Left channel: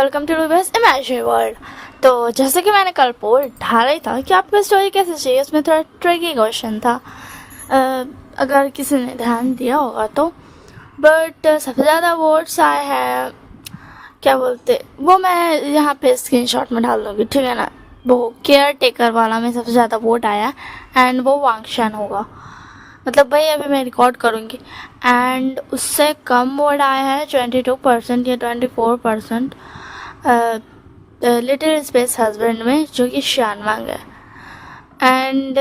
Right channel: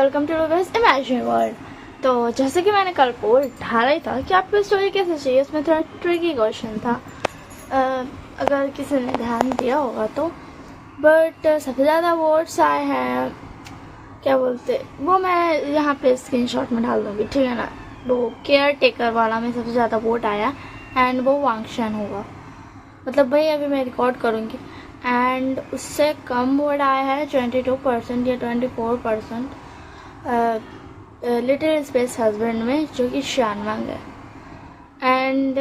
Welcome to Ruby's imagine world. तो जैसे कि मैंने कल पोल डाला ही था कि आपको स्टोरी कैसे चाहिए, उसमें थोड़ा ट्रिकी क्वेश्चन था। अगर किसी ने ध्यान दिया होगा तो। बट सबसे ज़्यादा वोट्स आए हैं, क्या बोलते वो मैं यहाँ पे स्क्रीनशॉट में डाल दूँगी, ठीक है ना। वो केयर टेकर वाला में सबसे ज़्यादा वोट आया एंड वो वांगशान होगा। मतलब भाई अभी मैं रिकॉर्ड करूँगी एंड उससे कम वोट आया है 22% या 24% लिटिल स्पेस हस्बैंड में, जो कि शानवांग है। एंड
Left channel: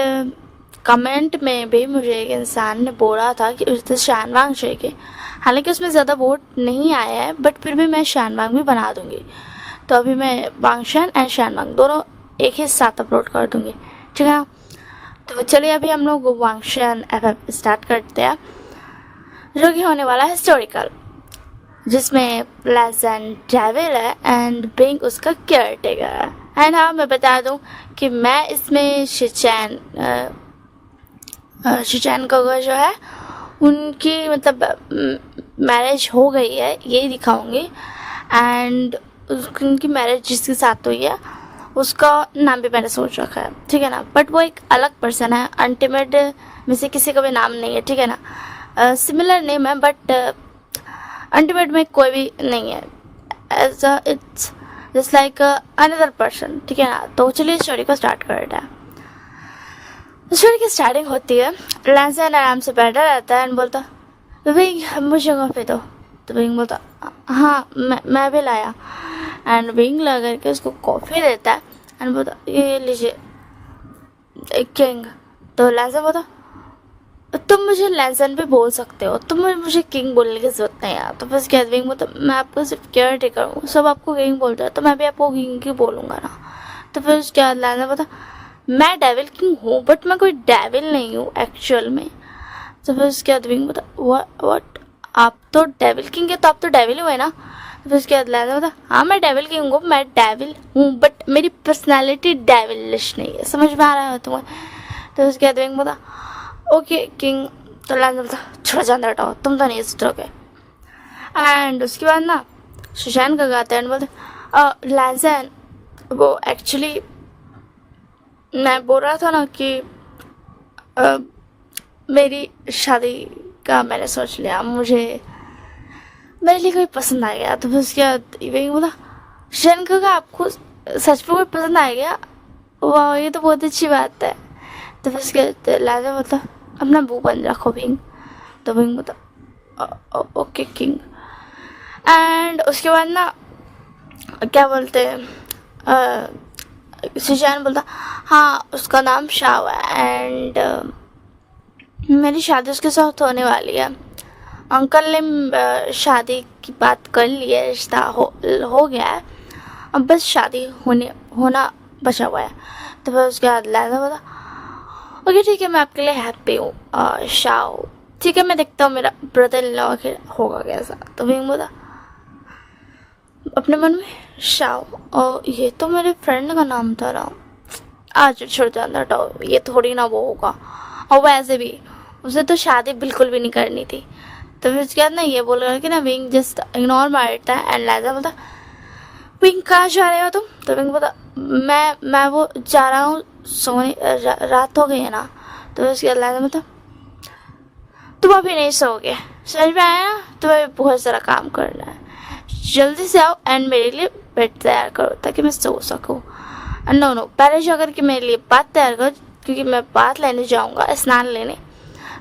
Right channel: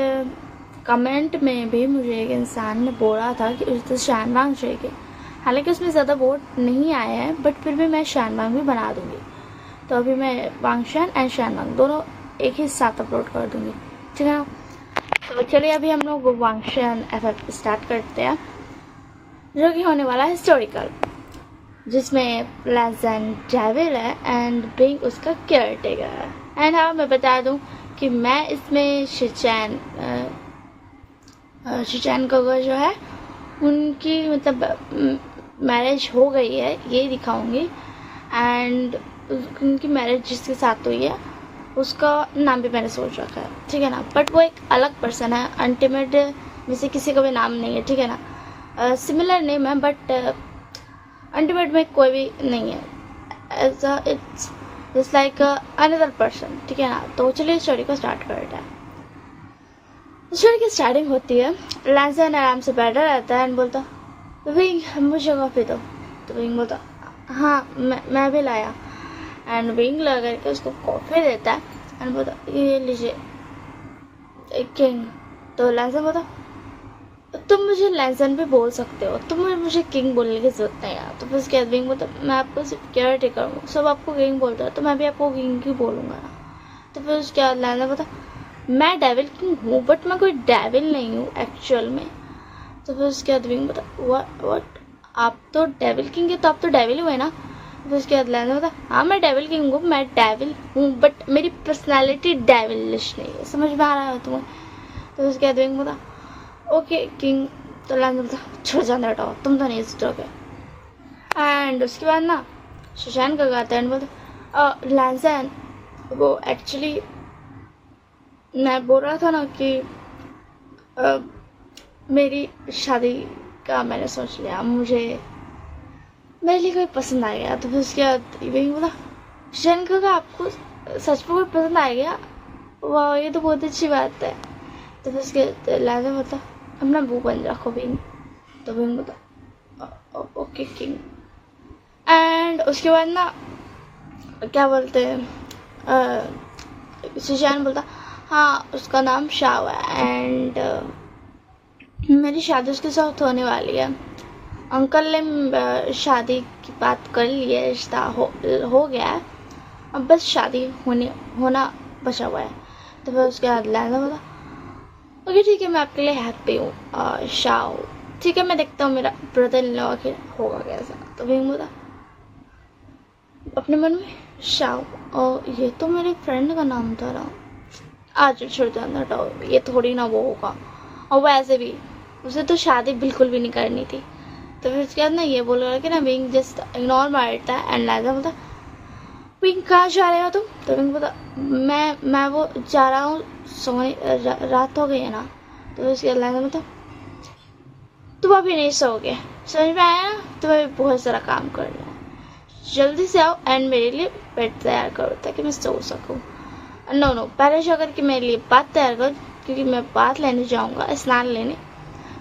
कमेंट में भी मुझे एक इंसान ने बोला था कि उससे शानवांग चाहिए। हालांकि उसमें ज़्यादा वोट नहीं आया है बट फिर भी मैं शानवांग भी बना दूँगी। तो अभी मैं वांगशान एंड शानवांग दोनों एक ही साथ अपलोड कर दूँगी, ठीक है। तो चलिए अभी हम लोग वांगशान एफ स्टार्ट करते हैं, जो कि होने वाला है हिस्टोरिकल, जिसमें लैसन डेविल है एंड बिंग उसका केयर टेकर है। एंड हाँ, मैं बता दूं कि मैं इसमें शिचैन का जो है उनकी मतलब मैरिज हो गई है ये दिखाऊंगी। एंड उनकी मैरिज जिसके साथ हुई है उसका नाम भी मैंने सोच रखा है, ठीक है ना। बट वो एक अलग पर्सन है, अल्टीमेट में से किसी का भी नाम नहीं है, ठीक है ना। सिमिलर नेम है बट अल्टीमेट में कोई भी नहीं है, as it's just like another person, ठीक है ना। तो चलिए स्टोरी को स्टार्ट करते हैं। स्टोरी की स्टार्टिंग होती है, लैंसन आराम से बैठा रहता है एंड बोलता विंग मुझे कॉफी दो। तो विंग बोलता हाँ मैं भी लाया। एंड विंग ला करके उसको कॉफी देता है एंड बोलता ये लीजिए एक किंग। तो लैंसन बोलता तुम मुझे लैंसन भी बोल सकते हो, तुम मुझे किंग बोलने की जरूरत नहीं है। तो बस कहते विंग बोलता मैं आपको सिर्फ केयर टेकर हूँ, सब आपको किंग बोलता है तो मैं भी आपको किंग ही बोलूँगा ना। तो फिर उसके बाद लैंसन बोलता मैं डेविल किंग हूँ बट मैं कोई डेविल नहीं हूँ एक्चुअल में। तो फिर उसके बाद विंग बोलता व्हाट आप तो डेविल किंग है, तो आप तो डेविल हुए ना। फिर उसके बाद लैंसन बोलता हाँ मैं डेविल किंग हूँ, मैं डेविल हूँ बट मेरी पर्सनैलिटी डेविलिश नहीं है, समझ में आ रहा है तुम्हें। तो उसके बाद विंग बोलता ओके किंग। तो लैंसन बोलता छोड़ जान हटाओ, तुम तो नहीं सुधरोगे। एंड उसके बाद ना सुशांत का गाते हैं एंड बोलते लैंसन वो एक्चुअली मैं बोल रहा था ना कि मेरी शादी का मैंने सोच लिया, मुझे मेरे लिए कोई पसंद आ गया। तो फिर उसके बाद वही बोला शैन का आपको सच में कोई पसंद आ गया, वाह ये तो बहुत अच्छी बात है। तो फिर उसके लाजा मतलब अपना मुंह बंद रखो विंग। तो विंग बोलता ओके किंग। एंड उसके बाद ना क्या बोलते हैं सुशांत बोलता हाँ उसका नाम शाव है एंड मेरी शादी उसके साथ होने वाली है। अंकल ने शादी की बात कर ली है, रिश्ता हो गया है, अब बस शादी होना बचा हुआ है। तो फिर उसके बाद लैंसन बोला ओके ठीक है मैं आपके लिए हैप्पी हूँ शाव, ठीक है मैं देखता हूँ मेरा ब्रदर इन लॉ आखिर होगा कैसा। तो विंग बोला अपने मन में शाव और ये तो मेरे फ्रेंड का नाम था ना, आज छोड़ जाना हटाओ, ये थोड़ी ना वो होगा, और वैसे भी उसे तो शादी बिल्कुल भी नहीं करनी थी। तो फिर उसके बाद ना ये बोल रहा कि ना विंग जस्ट इग्नोर मारता है एंड लैंसन बोलता विंग कहाँ जा रहे हो तुम। तो विंग बोलता मैं वो जा रहा हूँ सोने, रात हो गई है ना। तो उसके बाद लैंसन बोलता तुम अभी नहीं सोओगे, समझ में आया ना, तुम्हें बहुत सारा काम करना है, जल्दी से आओ एंड मेरे लिए बेड तैयार करो ताकि मैं सो सकूँ। नो पहले जो अगर कि मेरे लिए बात तैयार करो क्योंकि मैं बात लेने जाऊँगा स्नान लेने,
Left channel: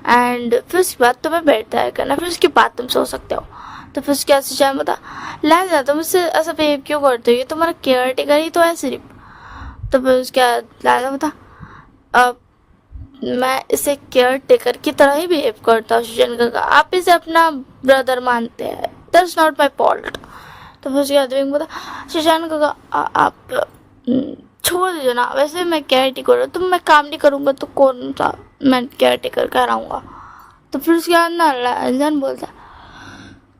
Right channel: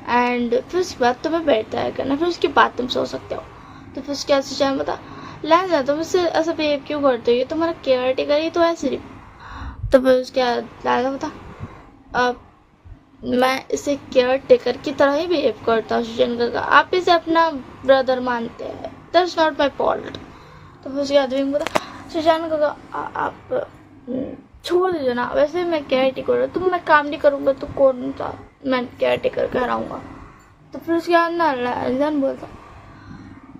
एंड फिर उसके बाद तुम्हें बेड तैयार करना, फिर उसके बाद तुम सो सकते हो। तो फिर उसके बाद सुशांत बता लैंसन तुम मुझसे ऐसा बिहेव क्यों करते हो, ये तुम्हारा केयर टेकर ही तो है सिर्फ। तो फिर उसके बाद लैंसन बता मैं इसे केयर टेकर की तरह ही बिहेव करता हूँ सुशांत का, आप इसे अपना ब्रदर मानते हैं, दैट्स नॉट माई फॉल्ट। तो फिर उसके बाद विंग बता सुशांत का आप छोड़ दीजिए ना, वैसे मैं केयर टेकर हूँ, तुम मैं काम नहीं करूँगा तो कौन सा मैं केयर टेकर कराऊँगा। तो फिर उसके बाद ना लैंसन बोलता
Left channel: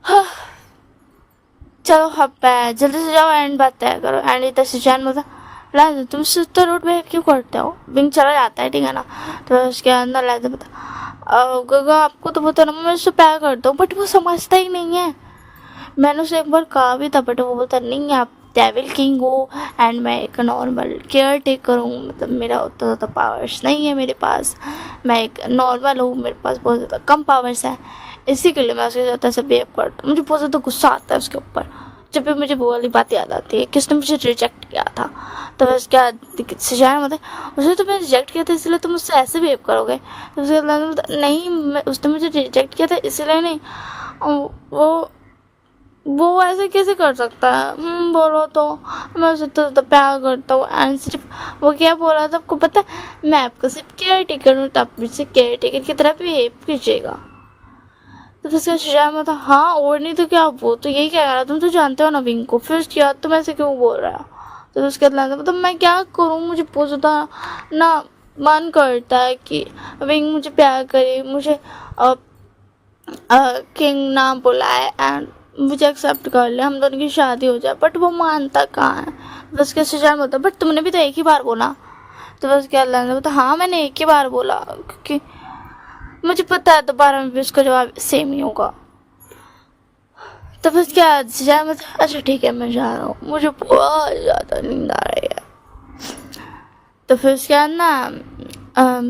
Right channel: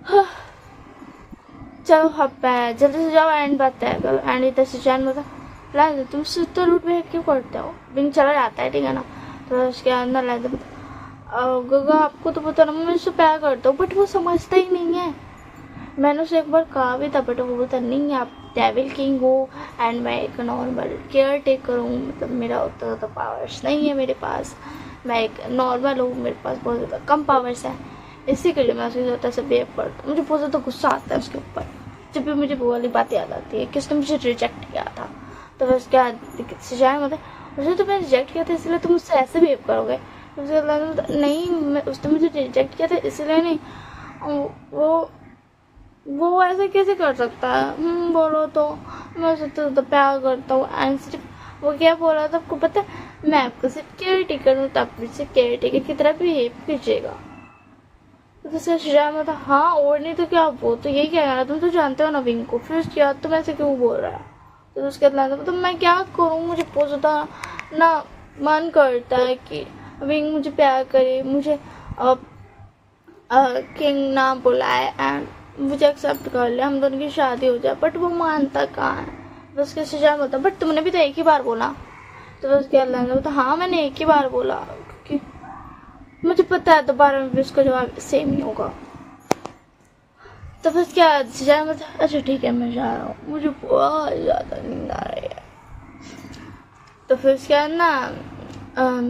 हाँ चलो अब जल्दी से जाओ एंड बात तय करो। एंड इधर सुशांत बोलता लैंसन तुम तो रूट में क्यों करते हो, विंग चला जाता है, ठीक है ना। तो उसके अंदर लैंसन बोलता गगा आपको तो पता ना मैं उससे प्यार करता हूँ बट वो समझता ही नहीं है, मैंने उसे एक बार कहा भी था बट वो बोलता नहीं आप डेविल किंग हूँ एंड मैं एक नॉर्मल केयर टेकर हूँ, मतलब मेरा उतना ज़्यादा पावर्स नहीं है मेरे पास, मैं एक नॉर्मल हूँ, मेरे पास बहुत ज़्यादा कम पावर्स है, इसी के लिए मैं उसके साथ ऐसे बिहेव करता हूँ। मुझे बहुत ज़्यादा गुस्सा आता है उसके ऊपर जब भी मुझे वो वाली बात याद आती है कि उसने मुझे रिजेक्ट किया था। तो बस क्या सजाया मतलब उसने तुम्हें रिजेक्ट किया था इसलिए तुम मुझसे ऐसे बिहेव करोगे। तो उसके बाद नहीं, उसने मुझे रिजेक्ट किया था इसलिए नहीं, वो ऐसे कैसे कर सकता है, बोलो तो मैं उससे तो प्यार करता हूँ। एंड सिर्फ वो क्या बोला था आपको पता है, मैं आपका सिर्फ केयर टेकर हूँ, तब मुझसे केयर टेकर की तरह बिहेव कीजिएगा। तो उसका शजाया में था हाँ और नहीं तो क्या, वो तो यही कह रहा, तुम तो जानते हो ना विंग को, फिर क्या तुम ऐसे क्यों बोल रहा है। तो उसके बाद मतलब मैं क्या करूँ, मुझे बहुत ज़्यादा ना मन करता है कि विंग मुझे प्यार करे, मुझे किंग ना बुलाए एंड मुझे एक्सेप्ट कर ले, हम दोनों की शादी हो जाए, बट वो मानता कहाँ है। बस कैसे जान बोलता बट तुमने भी तो एक ही बार बोला। तो बस क्या अल्लाह ने बोलता हाँ मैंने एक ही बार बोला, क्योंकि मुझे पता है दोबारा में भी उसका जवाब सेम ही होगा। तो बस क्या जाए मतलब अच्छा ठीक है मैं जा रहा हूँ, मुझे बहुत ज़्यादा नींद आ रही है। तो फिर उसके बाद ना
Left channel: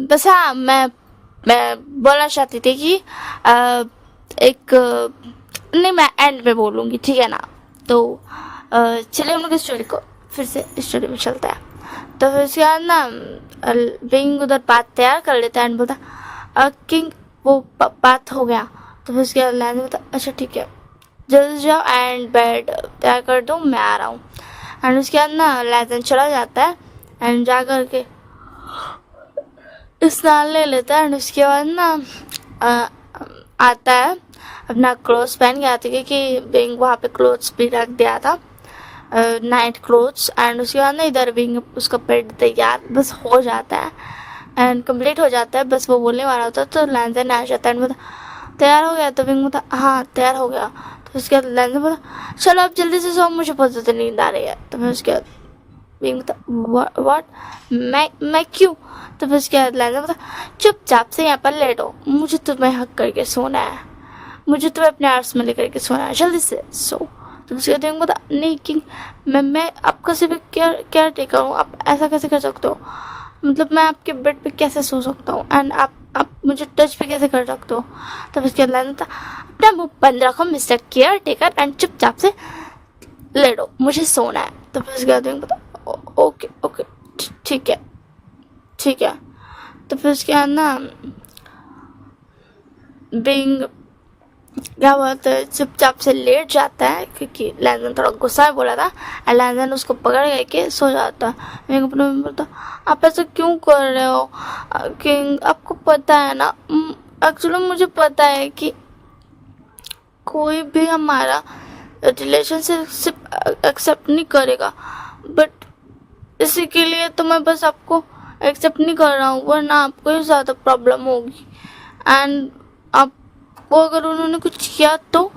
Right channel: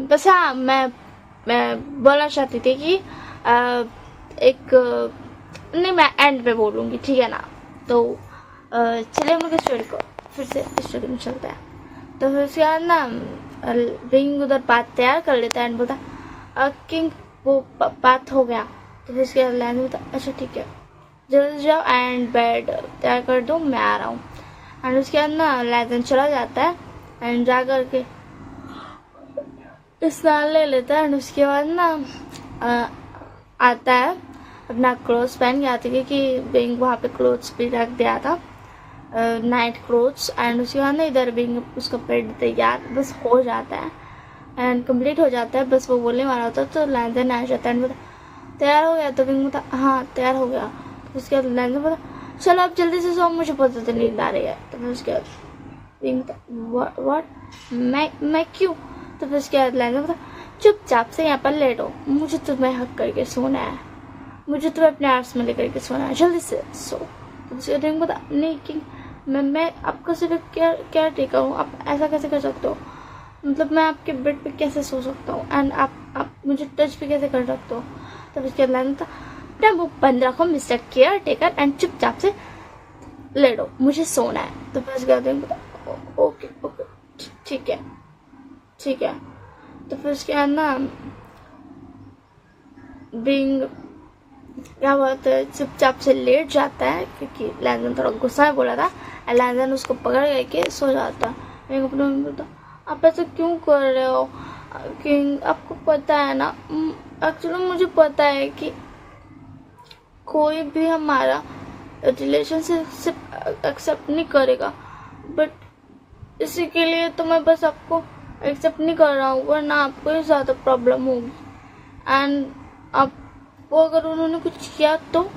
बस हाँ मैं बोलना चाहती थी कि एक नहीं मैं एंड में बोलूँगी ठीक है ना। तो चलिए हम लोग स्टोरी को फिर से स्टोरी में चलता है। तो फिर उसके बाद ना विंग उधर बात तैयार कर लेता है एंड बोलता किंग वो बात हो गया। तो फिर उसके बाद लैंड बोलता अच्छा ठीक है जल्दी जाओ एंड बेड तैयार कर दो मैं आ रहा हूँ। एंड उसके बाद ना लैंड चला जाता है एंड जा कर के स्नान ले लेता है एंड उसके बाद ना आता है अपना क्लोथ्स पहन के आती है कि विंग वहाँ पे क्लोथ्स भी रख दिया था नाइट क्लोथ्स। एंड उसके बाद ना इधर विंग उसका बेड तैयार बस हो जाता है एंड कंप्लीट हो जाता है, बस वो बोलने वाला होता है तो लैंडन आ जाता है एंड बोलता तैयार हो गया। तो विंग बोलता हाँ तैयार हो गया। तो उसके बाद लैंडन बोलता चलो आप जल्दी से सो मुझे बहुत ज़्यादा नींद आ रही है। तो फिर उसके बाद विंग बोलता व्हाट मैं क्यों। तो फिर उसके बाद लैंडन बोलता चुपचाप से यहाँ पर लेटो, मुझे तुम्हें हक करके सोना है, मुझे तुम्हें अपने आर्ट्स में लेकर के सोना है, जल्दी से सो। तो उसके बाद विंग बोलता नहीं किंग मैं आपका सिर्फ केयर टेकर हूँ, आप ऐसा कैसे कर सकते हो, मतलब मैं आपके बेड पे कैसे सो सकता हूँ एंड आप मुझे टच पे कैसे कर सकते हो। तब उसके बाद था अपना मुँह बंद रखो मिस्टर केयर टेकर एंड चुपचाप से लेटो मुझे सोना है। तो फिर उसके बाद बता ओके ओके ठीक है ठीक है। तो फिर उसके बाद ना बिंग क्या बोलते हैं चुपचाप से लेट जाता है क्योंकि लैंडन थोड़ा गुस्सा में बोला था और लैंडन उसको पकड़ के सो जाता है। मैं अपने में बोलता आप ऐसा क्यों कर रहे हो किंग, आपको पता है ना एक्चुअली मुझे पता है कि कोई भी हमारा रिलेशनशिप एक्सेप्ट नहीं करेगा, बट इसी के लिए तो मैं बस आपको एक्सेप्ट नहीं कर रहा हूँ वरना आपको ही ज़्यादा प्रॉब्लम होगी एंड आपको अगर उन्होंने कुछ किया तो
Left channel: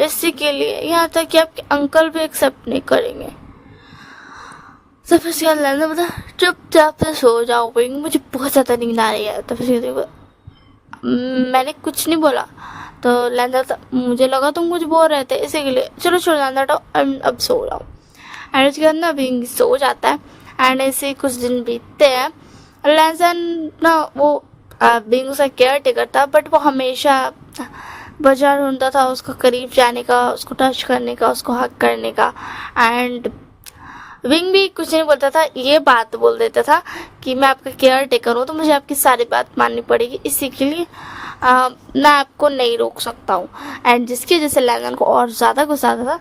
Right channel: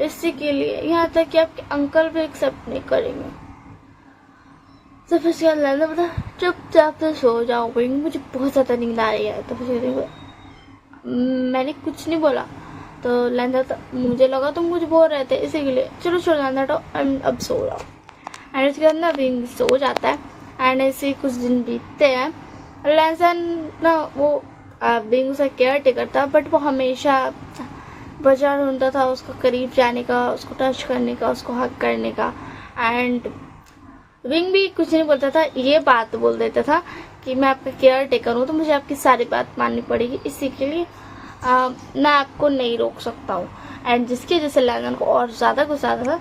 इसी के लिए, यहाँ तक कि आपके अंकल भी एक्सेप्ट नहीं करेंगे। तो फिर उसके बाद बता चुपचाप से सो जाओ विंग मुझे बहुत ज़्यादा नींद आ रही है। तो फिर मैंने कुछ नहीं बोला। तो लैंडर मुझे लगा तुम कुछ बोल रहे थे इसी के लिए, चलो छोड़ लैंडर तो अब सो जाओ। एंड उसके बाद ना विंग सो जाता है एंड ऐसे कुछ दिन बीतते हैं। लैंसन ना वो विंग उसका केयर टेकर था बट वो हमेशा बाजार ढूंढता था उसको करीब जाने का, उसको टच करने का, उसको हक करने का। एंड विंग भी कुछ नहीं बोलता था, ये बात बोल देता था कि मैं आपका केयर टेकर हूँ तो मुझे आपकी सारी बात माननी पड़ेगी, इसी के लिए मैं आपको नहीं रोक सकता हूँ। एंड जिसकी वजह से लैंडन को और ज़्यादा गुस्सा आता था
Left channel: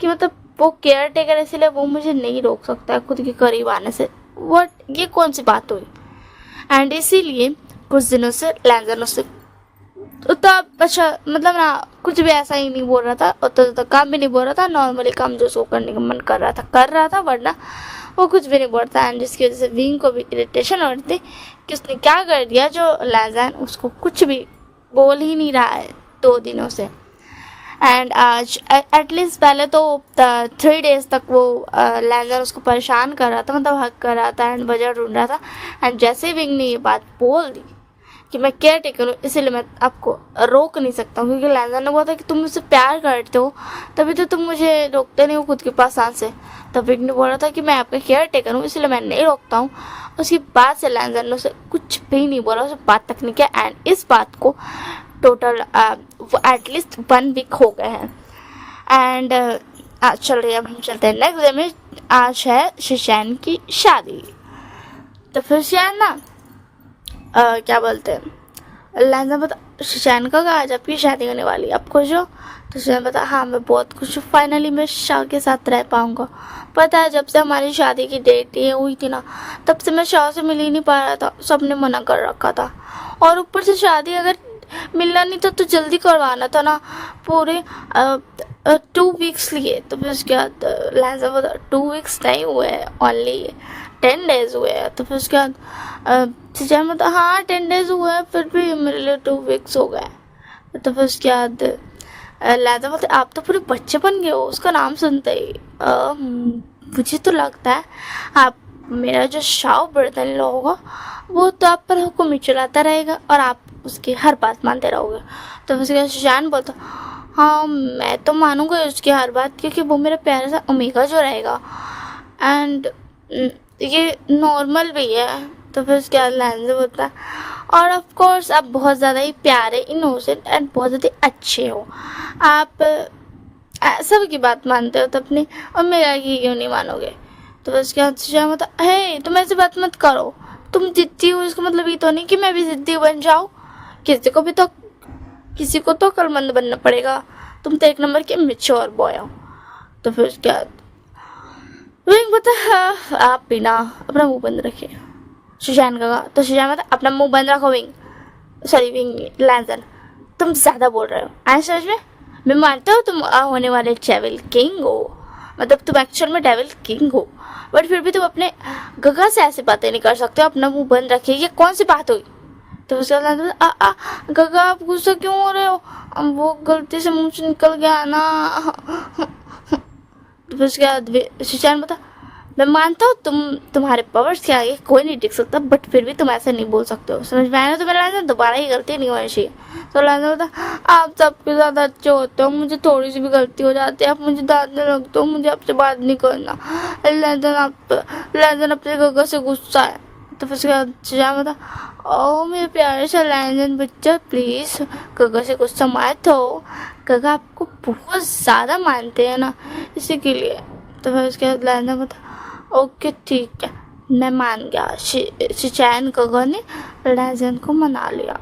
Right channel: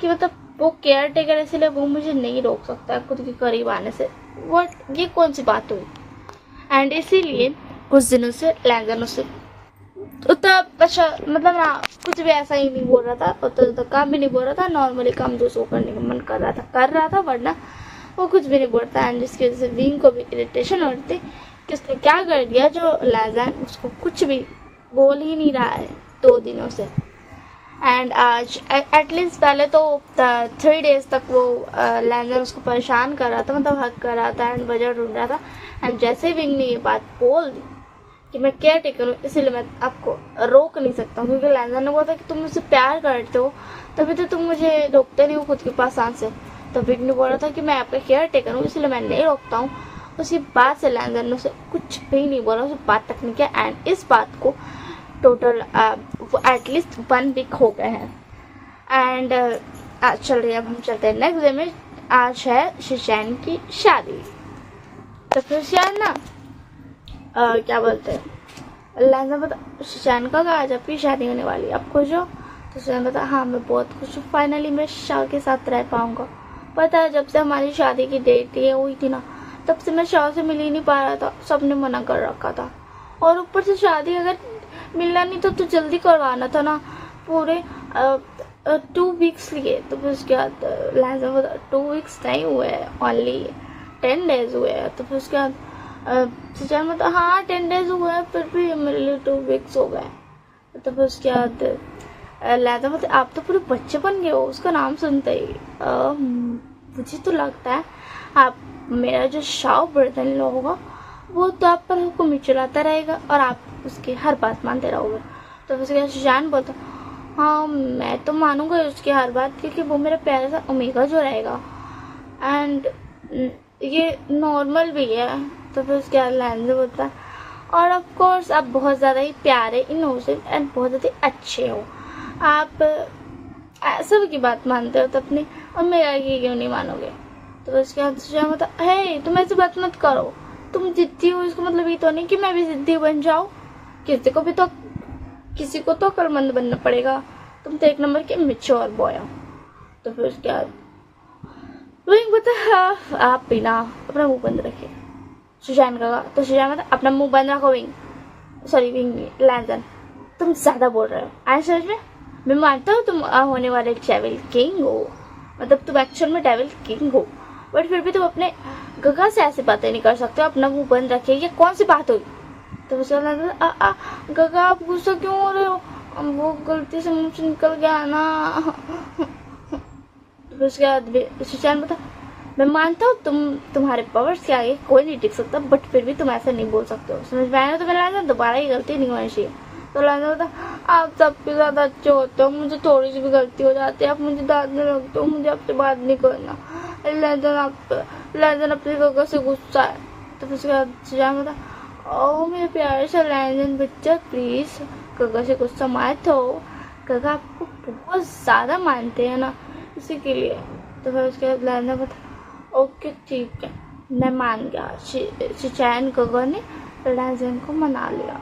कि मतलब वो केयर टेकर इसलिए वो मुझे नहीं रोक सकता खुद के करीब आने से, वो ये कौन सी बात हुई। एंड इसीलिए कुछ दिनों से लैंडन उससे उतना अच्छा मतलब ना कुछ भी ऐसा ही नहीं बोल रहा था, उतना काम भी नहीं बोल रहा था, नॉर्मली काम जो सो करने का मन कर रहा था वरना वो कुछ भी नहीं बोलता। एंड जिसकी वजह से विंग को भी इरिटेशन हो रही थी कि उसने क्या कर दिया जो लैंडन उसको कुछ भी बोल ही नहीं रहा है 2 दिनों से। एंड आज एटलीस्ट पहले तो 3 डेज तक वो लैंडन उसको परेशान कर रहा था, मतलब हक कर रहा था एंड वजह ढूंढ रहा था। एंड जैसे विंग ने ये बात बोल दी कि मैं केयर टेकर हूँ इसीलिए मैं आपको रोक नहीं सकता हूँ, क्योंकि लैंडन ने बोला था कि तुम मुझसे प्यार करते हो तभी तो तुम मुझे रोकते नहीं हो खुद के पास आने से, तो विंग ने बोला था कि मैं आपका केयर टेकर हूँ इसलिए मैं नहीं रोकता हूँ। उसके बाद से लैंजन ने उसे कुछ भी नहीं बोला, उसे बात तक नहीं किया। एंड इस बात को टोटल एटलीस्ट 1 वीक हो गए हैं। एंड चलिए अब हम चलते हैं नेक्स्ट डे में। आज है शिशैन की शादी। तो फिर शिशैन ना क्या बोलते हैं, लैंजन बता शिशैन का आज आपकी शादी होने वाली है, आप खुश हो? तो शिशैन बता हाँ मैं बहुत खुश हूँ, फाइनली मैं शाह के साथ रह पाऊँगा। पता है जब से हमारी शादी की डेट ये हुई थी ना, तब से मैं शाह से मिल ही नहीं पा रहा था, सबने मना कर रखा था। और ऊपर से शादी अगर मिलना नहीं तो जल्दी करवाना था ना, पूरे 2 वीक्स लिए। तो फिर उसके बाद लैंजन बता 2 वीक्स नहीं हुए हैं, ओनली 10 डेज हुए हैं। तो फिर उसके बाद शिशैन बता हाँ 10 डेज हुए हैं, फिर भी मेरे लिए 2 वीक्स हो गए। तो फिर उसके बाद लैंजन बोलते आप तो पूरे बच्चे बन गए हो उसका नाम सुनते ही। मुझे तो लगता है आप मेरा जो शाह बर्तन लो होगा वो तो आप पर हुक्म ही चलाता रहेगा और आप उसकी हर बात मानते रहोगे। तो उसके बाद शिशैन बोलता हाँ मैं तो मानूंगा उसकी हर बात, क्योंकि वो मेरा प्यारा सा ओमेगा जो रहेगा। एंड ये नॉर्मल भी है। तो फिर उसके बाद लैंजन बोलता और ऑफ कोर्स आप बहुत ज़्यादा ही प्यारे, इनोसेंट एंड बहुत ज़्यादा अच्छे हो। आप सबकी बात मानते हो तो अपने और मेरा की क्यों नहीं मानोगे? तो उसके बाद शिशैन बोलता है तुम ऐसी बात मत करो, तुम जिद्दी हो इसका मतलब ये तो नहीं कि मैं भी जिद्दी बन जाऊँ। किसी को तो अक्लमंद बनना पड़ेगा, तुम तो 1 नंबर के मैच्योर बॉय हो। तो फिर उसके बाद विंग बता हाँ आप भी ना अपना मुंह बंद रखिए। शिशैन का तो शिशैन बता अपना मुंह बंद रखो विंग, सॉरी विंग लैंजन तुम ज़्यादा बोल रहे हो। आए समझ में? मैं मानता हूँ तुम होने वाले डेविल किंग हो, मतलब तुम एक्चुअल में डेविल किंग हो, बट फिर भी तुम अपने गगा से ऐसी बातें नहीं कर सकते हो। अपना मुंह बंद रखिए, ये कौन सी बात हुई? तो उसके बाद गगा आप गुस्सा क्यों हो रहे हो? वो गलती से मुंह से निकल गया ना। तो फिर उसके बाद शिशैन बता मैं मानता हूँ तुम्हारे पावर्स के आगे कोई नहीं टिक सकता, बट फिर भी तुम ऐसे नहीं बोल सकते हो, समझ में आया ना? तो मेरा दोबारा ही गलती नहीं होनी चाहिए। तो लैंजन बता आप सबके ज़्यादा अच्छे होते हो, मुझे थोड़ी सी भी गलती हो जाती है आप मुझे डांटने लगते हो, मुझे आपसे बात नहीं करना। लैंजन अपने गगा से गुस्सा है। तो फिर उसके बाद शिशैन बता ओ मेरे प्यारे से लैंजन बच्चा प्लीज़ गगा से गुस्सा मत हो, गगा आपको बहुत ज़्यादा मानते हैं ना इसी के लिए। तो फिर उसके बाद लैंजन बता ओके ठीक है मैं मान गया। शिशैन गगा ने लैंजन को मना लिया।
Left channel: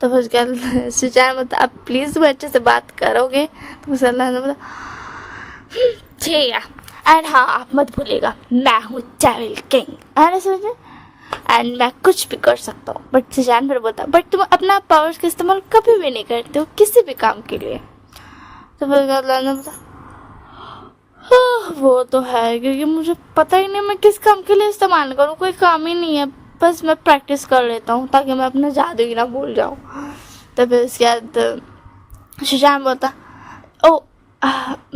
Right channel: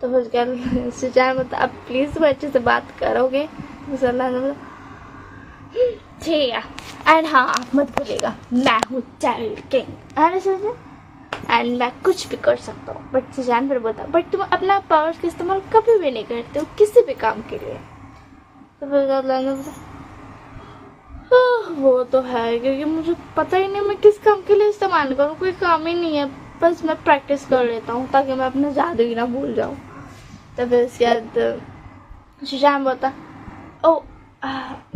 तो फिर उसके बाद शिशैन बता आप प्लीज़ तुम अच्छे से बात करोगे? तो फिर लैंजन बता ठीक है। एंड हाँ आप मत भूलिएगा मैं हूँ डेविल किंग, अरे समझे, एंड मैं कुछ भी कर सकता हूँ। बट शिशैन फिर बोलता बट तुम अपना पावर्स का इस्तेमाल कभी भी नहीं करते हो किसी भी काम के लिए। तो फिर लैंजन बता वो तो है क्योंकि मुझे पता ही नहीं मैं किस काम के लिए इस्तेमाल करूँ, कोई काम ही नहीं है, बस मैं प्रैक्टिस कर लेता हूँ ताकि मैं अपना जादू ही ना भूल जाऊँ। तो फिर उसके बाद शिशैन बोलता ओ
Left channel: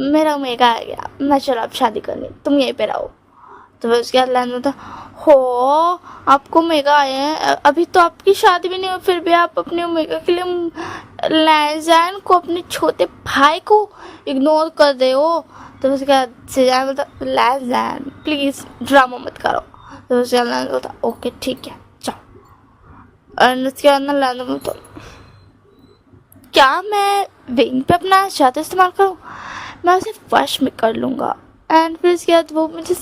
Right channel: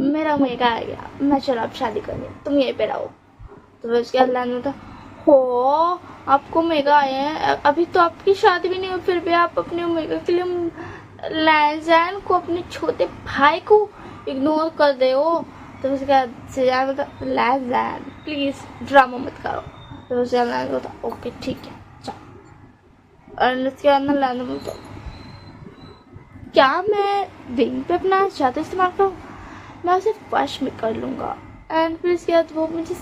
मेरा मेगा आ गया, मैं चलो अब शादी करनी, तुम यहीं पे रहो। तो फिर उसके बाद लैंजन बोलता हो आपको मेगा आए हैं, अभी तो आपकी शादी भी नहीं हुई फिर भी आप अपने मेगा के लिए लैंजन को अपने छोटे भाई को इग्नोर कर रहे हो। तो उसके बाद शिशैन बोलता लैंजन प्लीज़ ड्रामा मत करो। तो उसके बाद बोलता ओके ठीक है जाओ। और उसके बाद ना लैंजन बोलता क्या मैं विंग पे अपना जादू इस्तेमाल करूँ? मैं उसे वश में कर लूँगा एंड फिर उसके बाद वो मुझे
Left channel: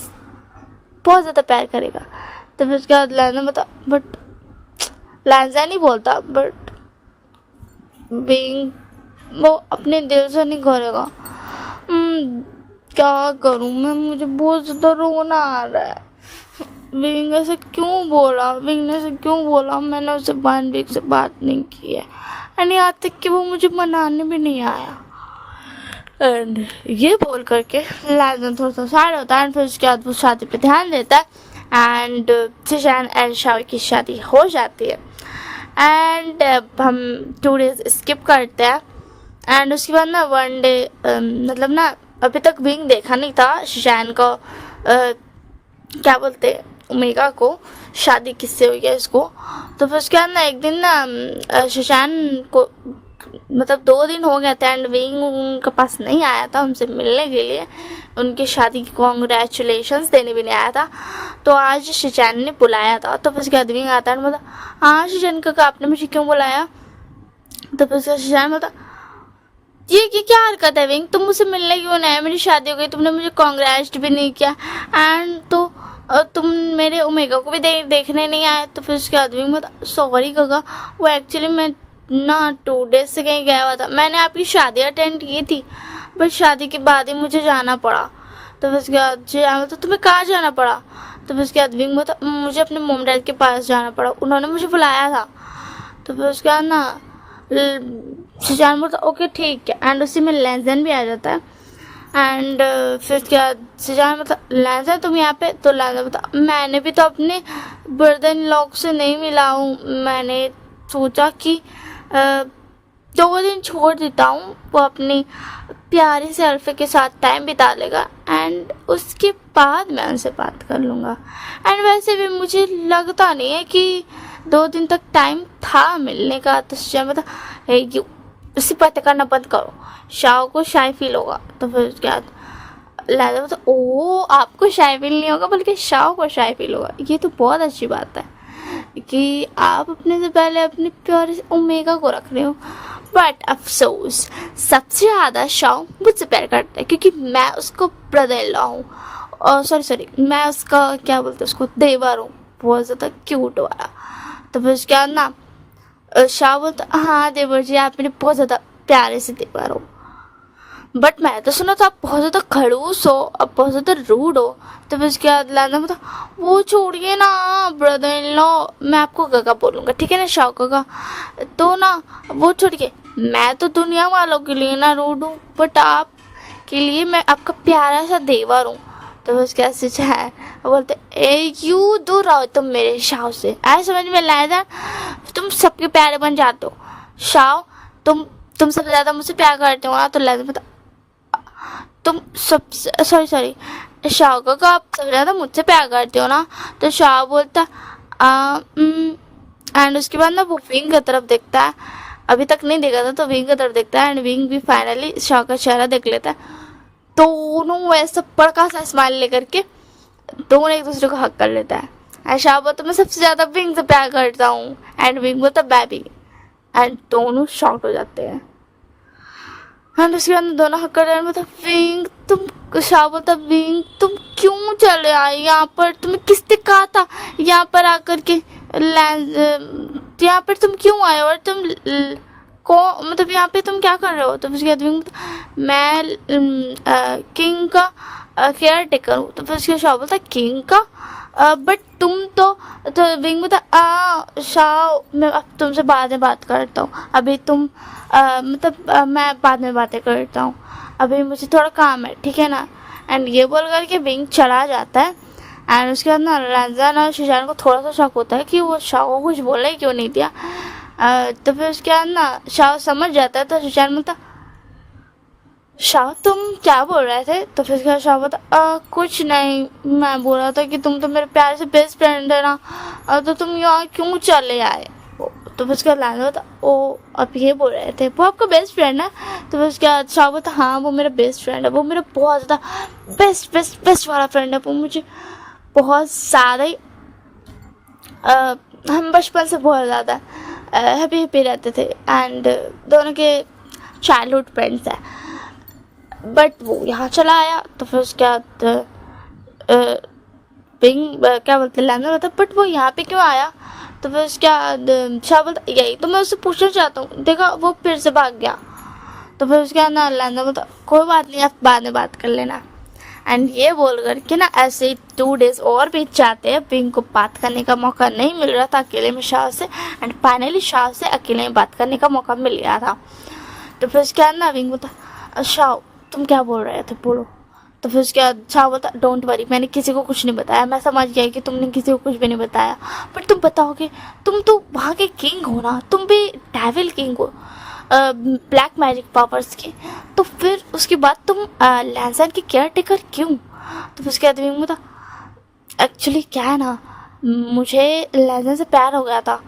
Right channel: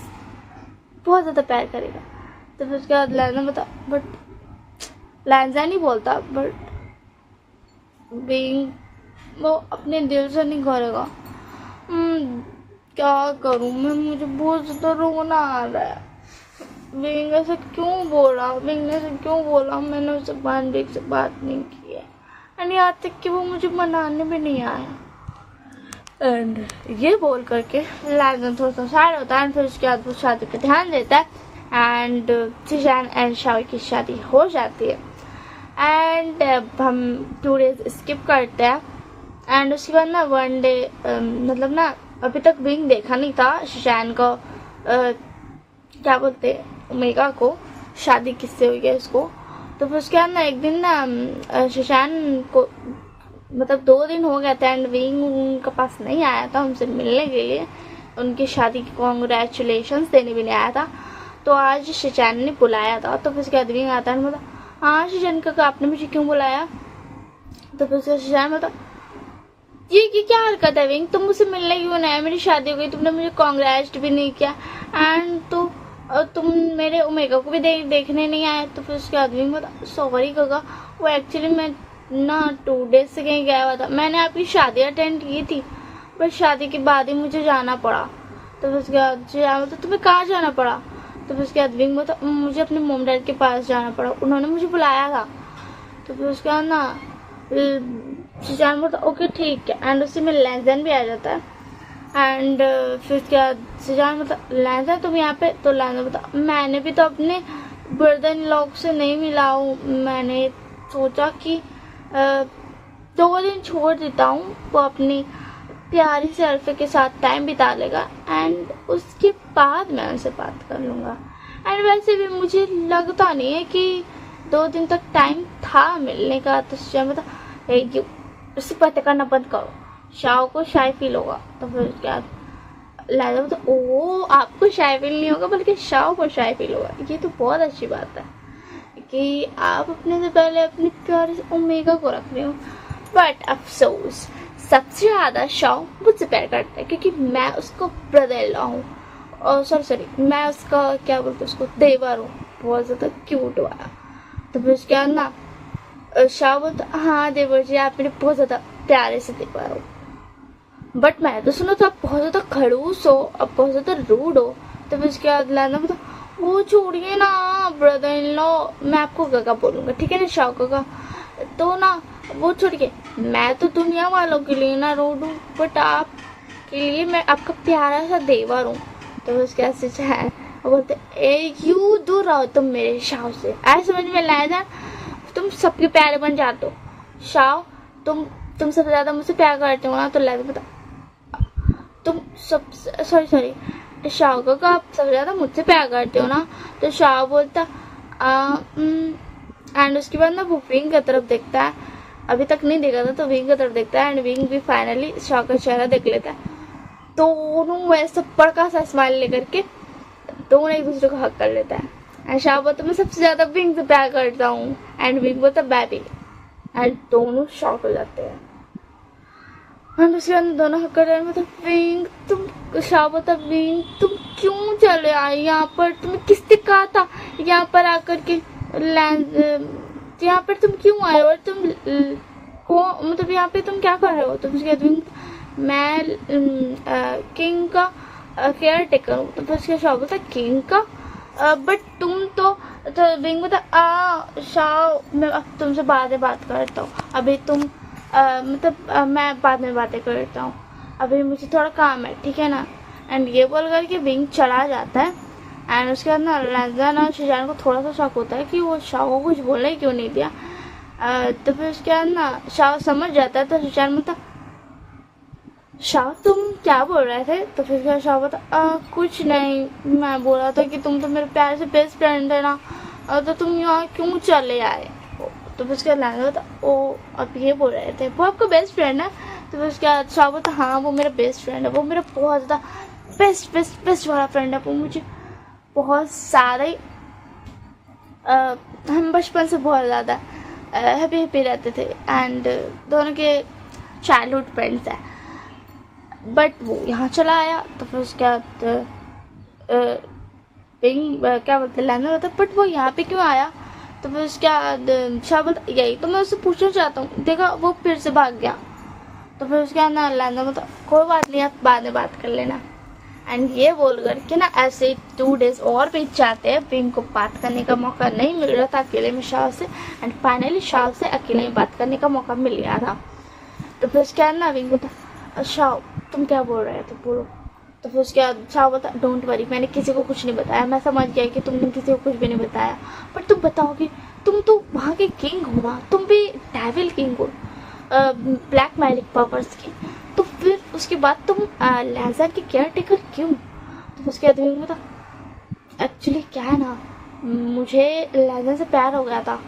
बहुत ज़्यादा प्यार करेगा। तो फिर उसके बाद लैंजन बता बट लैंजन ही बोलता बट विंग वो अपने दिल से नहीं करेगा। क्या करूँ मैं, मुझे बहुत ज़्यादा रोना आ रहा है। विंग ऐसे क्यों बोला, विंग ने ऐसे क्यों बोला, मैंने उससे 1 वीक से बात नहीं की है एंड यहाँ तक कि वो मुझे मनाने भी नहीं आया। एंड ये बोल करके लैंजन थोड़ा सा सैड होता है एंड फिर उसके बाद वो शादी पे ध्यान देता है एंड शिशैन एंड शाह की शादी हो जाती है। एंड हम 2 डेज स्किप करते हैं एंड उसके बाद ना 1 डे मतलब ना अभी तक विंग देखा नहीं था शिशैन को क्या बोलते ओमेगा को शादी किससे हुई है इसको। तो फिर उसके बाद ना एक दिन ना शिशैन को मतलब 2 दिन हो गए थे एंड विंग उनके पास नहीं आया था हमसे मिलने के लिए, उनकी शादी की कॉन्ग्रेचुलेशंस देने भी नहीं आया था। तो आज शिचैन ने बुलाया था, तो फिर उसके बाद विंग आता है मतलब हाँ शिचैन काका आपने मुझे क्यों बुलाया। तो फिर उसका शिचैन मतलब ये क्या हरकत है विंग, तुम मुझसे मिलने क्यों नहीं आए, मेरी शादी हो गई, तुमने मुझे कॉन्ग्रेट भी नहीं किया एंड तो तुम मेरे ओमेगा को भी देखने नहीं आए। तो फिर उसके बाद विंग मतलब सॉरी काका, वो एक्चुअली मैं ना 2 डेज से कहीं गया हुआ था, मैंने आपकी शादी अटेंड की थी बट शादी के बाद ही मुझे जाना पड़ा। तो फिर उसके बाद तो तुम्हें कहाँ जाना पड़ा। तो फिर उसके बाद विंग मतलब मुझे अपने मोम डैड के पास जाना पड़ा, उन्होंने मुझे बुलाया था। तो फिर उसके बाद ना सुजान बोलता ओके ठीक है एंड उसी में लेंजन भी आ जाता है एंड फिर उसके बाद सुजान मतलब लेंजन तुम यहाँ पे। तो लेंजन बता मैंने भी तो अपने ब्रदर इन लॉ से नहीं मिला हूँ, मैंने सोचा कि 2 दिन छोड़ देता हूँ, वो अपनी प्यारी से अल्फे के साथ टाइम बिता लेगा एंड उसके बाद मैं उनसे बात कर लूँगा। एंड वैसे भी मुझे लगता नहीं है कि 2 दिन तक टाइम था मिलने का। तो मतलब उसी पता करना बंद करो, शाह को शाय फील होगा। तो फिर उसके बाद लैला तो ओ आपको शाय फील नहीं होगा बल्कि शाह को शाय फील होगा, ये तो बहुत अच्छी बात है कि आप अपने से पहले अपने प्यारे से ओमेगा को रख रहे हो। बट अफसोस सबसे ज़्यादा शाह मुझसे प्यार करता है क्योंकि मैं उसको ब्रदर इन लॉ हूँ, और सॉरी मैं उसका क्या बोलते हैं उसको देवर हूँ, बहुत ज़्यादा क्यूट वाला। तो फिर उसके बाद ना शाह बोलता हाँ देवर जी आप मेरे बहुत ज़्यादा प्यारे से देवर हो, बट मैं तो सुना था आप बहुत ज़्यादा खड़ूस हो, आप बहुत ज़्यादा रूड हो। तो फिर उसके बाद लाना बता वो छोड़िए ना ब्रदर इन लॉ, मैं आपको गगा बोलूँगा ठीक है ना शाह गगा। तो ना वो छोड़िए, मैं तो दुनिया वालों के लिए ना रूड हूँ बट आप के लिए मैं आपका प्यारा सा देवर हूँ। तो उसके बाद से है वो बोलते ए यू दूर रहो तुम मेरे शाह से, ऐसे समझ में लाया था तुम सबके प्यारे बन जाते हो। शाह तुम सबसे ज़्यादा मुझसे प्यार करते हो ना, तो लाया बता तुम सब सॉरी शाह को आप सबसे ज़्यादा मुझसे प्यार करते हो ना। तो शाह बोलता एंड उसके बाद ना वो विंग की तरफ देखता है, अभी तक नहीं देखा था तो विंग की तरफ देखता है एंड विंग भी फाइनली शाह का चेहरा देख लेता है। दोनों वैसे बड़का सा स्माइल लेकर के दोनों एक दूसरे को हक कर लेता है एंड शाह बोलता मैं सबसे ज़्यादा विंग से प्यार करता हूँ एंड विंग बोलता बेबी एंड दोनों शॉर्ट हो जाते हैं। एंड उसके बाद दोनों हक कर रहे हैं मतलब विंग तुम शाह बोलता विंग तुम क्यों चले आए यहाँ पर, तुम्हें किसने कहा था यहाँ पर आकर के यहाँ पर तुम क्यों आए और तुम को मतलब यहाँ पे तुम क्या कर रहे हो। तो उसके बाद विंग मैं किंग का केयर टेकर हूँ। तो फिर उसके शाह बोलता किंग का बट तुम तो विंग बोलता शाह मैं अब तुमसे बाद में बात करता हूँ, अभी तुम मतलब मैं बाद में बातें करता हूँ, अभी मुझे थोड़ा काम है ठीक है ना। एंड ये बोल कर के विंग चला जाता है एंड उसके बाद ना रंजन और सुजान को थोड़ा सा शक होता है कि वो शाह को कुछ बोला ही क्यों नहीं दिया। तो फिर उसके बाद ना शाह समझ जाता है। तो सुजान बोलता शाह तुम क्या बोल रहे थे। तो फिर उसके बाद शाह बोलता कुछ नहीं, मैं बोल रहा था कि तुम तो मेरे प्यार से बेस्ट फ्रेंड है ना, तो तुम यहाँ क्यों चले आए। तो फिर उसका लैंड होता ओ आप ये बोल रहे थे वो आपका बेस्ट फ्रेंड है। तो फिर उसके बाद शाह बोलता हाँ वो मेरा बेस्ट फ्रेंड है, वो मेरा बहुत ज़्यादा बेस्ट वाला फ्रेंड है, वो मुझे बहुत सारे हम बचपन से बहुत ज़्यादा हैप्पी रहते थे एंड दोनों के चाइल्डहुड फ्रेंड्स हैं, बट वो यहाँ चला आया। तो फिर उसके बाद पिंग क्या बोलते लैंडर होता बट वो यहाँ पे क्यों आया। तो फिर उसके बाद शाह बोलता यही तो मैं उससे पूछना चाहता हूँ, देखा वो फिर से भाग गया। तो फिर उसके बाद ना लैंडर बोलता कोई बात नहीं आप बाद में बात कर लेना। एंड ये बोल कर के ना ऐसे ही 2 डेज और बीत जाते हैं, पिंग को बात करने का मौका नहीं मिल रहा था अकेले में शाह से एंड फाइनली शाह से अकेले में बात करने का मौका मिल गया था। तो फिर उसके बाद ना पिंग बोलता शाह तुम क्या बोल रहे थे बोलो। तो फिर उसके बाद शाह बोलता डोंट वरी मैंने किसी को कुछ नहीं बताया, मैं समझ गया कि तुमने किसी को कुछ भी नहीं बताया, बट तुम बताओगे तुम तो वहाँ के किंग हो ना, तुम भी डेविल किंग हो ब्लैक मैजिक पावर्स की, तो फिर उसके बाद तुम लैंसर की केयर टेकर क्यों। तो उसके बाद विंग बोलता एक्चुअली क्या है ना मुझे लैंसर से प्यार हो गया था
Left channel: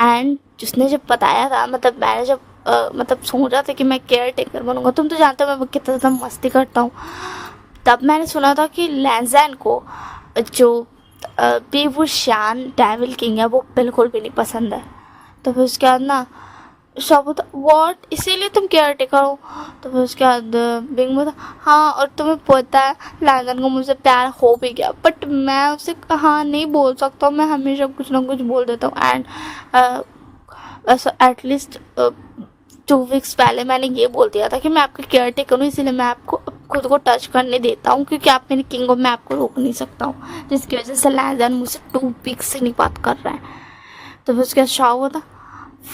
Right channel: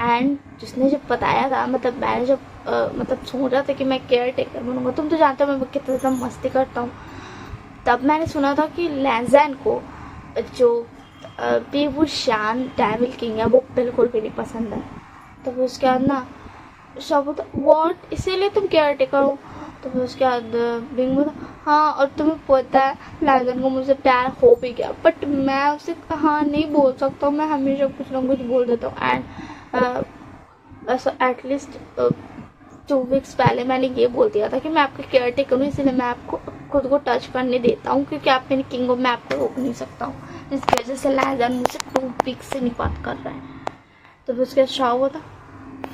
एंड जिसने जब बताया था मतलब मैंने जब मतलब सोचा था कि मैं केयर टेकर बनूंगा, तुम तो जानते हो मैं कितना ज़्यादा मस्ती करता हूँ। तब मैंने सुना था कि लैंजैन को जो बेबूशान डेविल किंग है वो बिल्कुल भी नहीं पसंद है। तो फिर उसके बाद ना शाबू था वॉट, इसीलिए तुम केयर टेकर हो। तो फिर उसके बाद बिंग बोला हाँ, और तुम्हें पता है लैंजन को मुझसे प्यार हो भी गया, बट मैं उससे हाँ नहीं बोल सकता, मैं हमेशा कुछ ना कुछ बोल देता हूँ। एंड ऐसा एटलीस्ट 2 वीक्स पहले मैंने ये बोल दिया था कि मैं आपका केयर टेकर हूँ, इसीलिए मैं आपको खुद को टच करने देता हूँ, क्योंकि आप मेरी किंग हो, मैं आपको रोक नहीं सकता हूँ, जिसकी वजह से लैंजन मुझसे 2 वीक्स से नहीं बात कर रहा है। तो फिर उसके बाद शाह हुआ था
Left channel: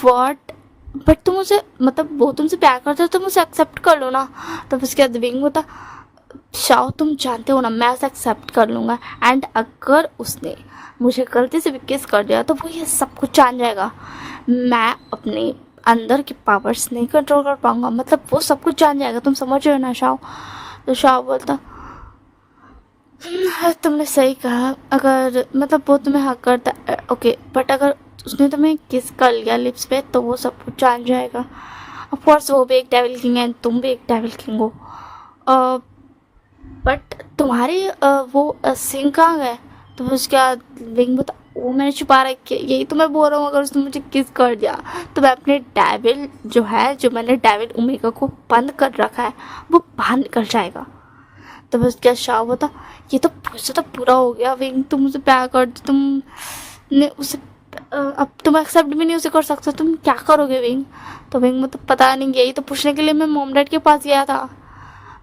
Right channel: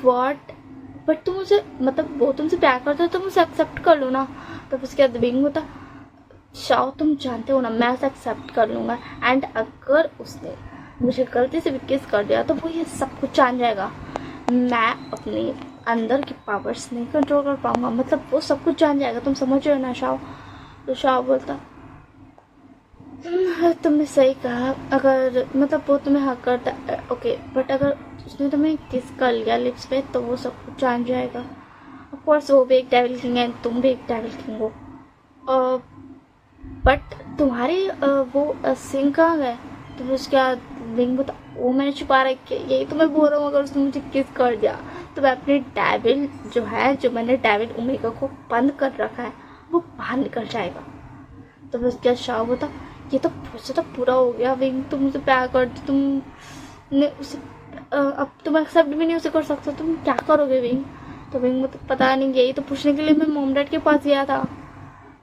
वॉट, बट तुम मुझे मतलब वो तुमसे प्यार करते हो तो मुझे एक्सेप्ट कर लो ना। तो फिर उसके बाद विंग होता शाह तुम जानते हो ना मैं उसे एक्सेप्ट कर लूँगा, एंड अगर उसने मुझे गलती से भी किस कर दिया तो वो ये सब कुछ जान जाएगा, मैं अपने अंदर की पावर्स नहीं कंट्रोल कर पाऊंगा, मतलब वो सब कुछ जान जाएगा, तुम समझ रहे हो ना शाह। तो शाह बोलता तुमने सही कहा, अगर मतलब वो तुम्हें हक करता ओके, बट अगर उसने तुम्हें किस कर लिया लिप्स पे तो वो सब कुछ जान जाएगा। ऑफ कोर्स वो भी एक डेविल किंग है, तुम भी एक डेविल किंग हो, बट तुम्हारे वो सिंह कहाँ गए। तो फिर उसके बाद विंग बता वो मैंने छुपा रखे, यही तो मैं बोल रहा हूँ, अगर उसने मुझे किस कर दिया तो मैं अपने डेविल जो है, जो मैंने डेविल ओमेगा को बंद कर रखा है वो बाहर निकल जाएगा। तो बस क्या शाह बता ये तो मुझसे तो पूरा हो गया विंग, तुम मुझे प्यार करते, तुमने उसे अब तुम एक्सेप्ट भी नहीं उसे कर सकते, तुम क्या करोगे विंग। तो विंग मतलब पता नहीं, यही तो पूछने के लिए मैं मॉम डैड के पास गया था।